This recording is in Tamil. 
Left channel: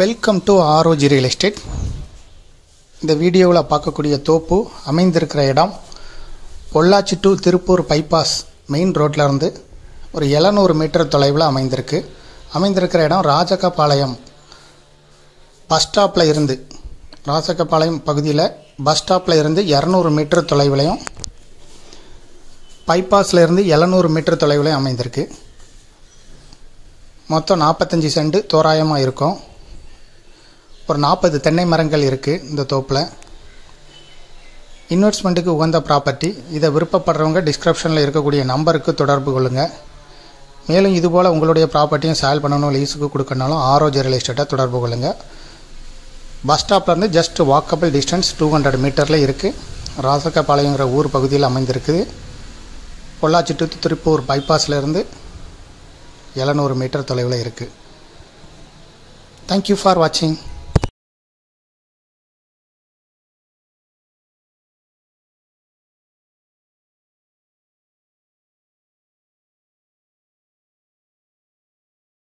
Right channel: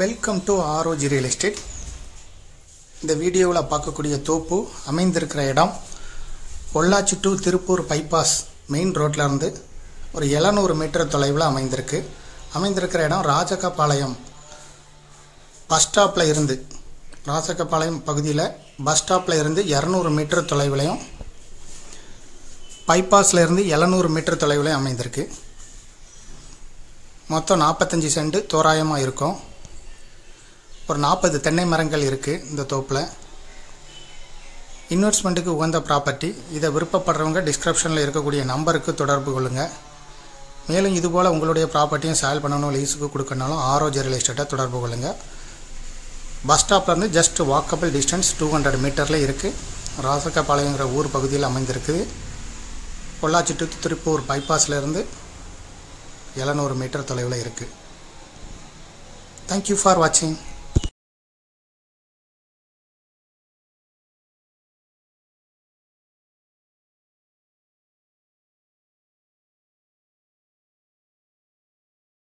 Welcome to ROG real estate. இந்த வீடியோவில் பார்க்கக்கூடிய தோப்பு அமைந்திருக்கிற இடம் Pollachi to Tiruppur bypass main ரோட்டில் இருந்து ஒரு 700 மீட்டர் தொலைவில் அமைந்திருக்கிற இடம் ராஜகபாளையம் பஸ் ஸ்டாப்பில் இருந்து ராஜகபாளையம் பகுதியில் பஸ் ஸ்டாப்பில் இருந்து 200 மீட்டர் தொலைவிலையும் பைபாஸில் இருந்து 700 மீட்டர் தொலைவிலையும் அமைந்திருக்கு. மொத்தம் 45 சென்ட் தோராயமாக இருக்கும். ஒரு 40 தென்னை மரங்கள் இருக்குது இந்த தோப்பில். இன்வெஸ்ட்மெண்ட்டுக்கு உகந்த ப்ராப்பர்ட்டி. இதை விருப்பப்படுறவங்க டிஸ்கிரிப்ஷனில் இருக்கக்கூடிய நம்பருக்கு தொடர்பு கொள்ளுங்கள். மேலும் இதுபோல் உங்களுடைய ப்ராப்பர்ட்டியும் சேல் பண்ணணும், லீஸுக்கு கொடுக்கணும்னாலும் ஆர்ஓஜி ரியல் எஸ்டேட்டை தொடர்பு கொள்ளுங்கள். பஸ் ஸ்டாப்லேருந்து ஜஸ்ட் வாக்கபிள் டிஸ்டன்ஸ் 200 மீட்டரில் இருக்குது. ராஜகபாளையங்கிற ஊர் பகுதியில் அமைந்திருக்குது. பொள்ளாச்சி டு திருப்பூர் பைபாஸ்லேருந்து 700 மீட்டர் தொலைவில் இருக்குது. தேங்க்யூ ஃபார் வாட்சிங்.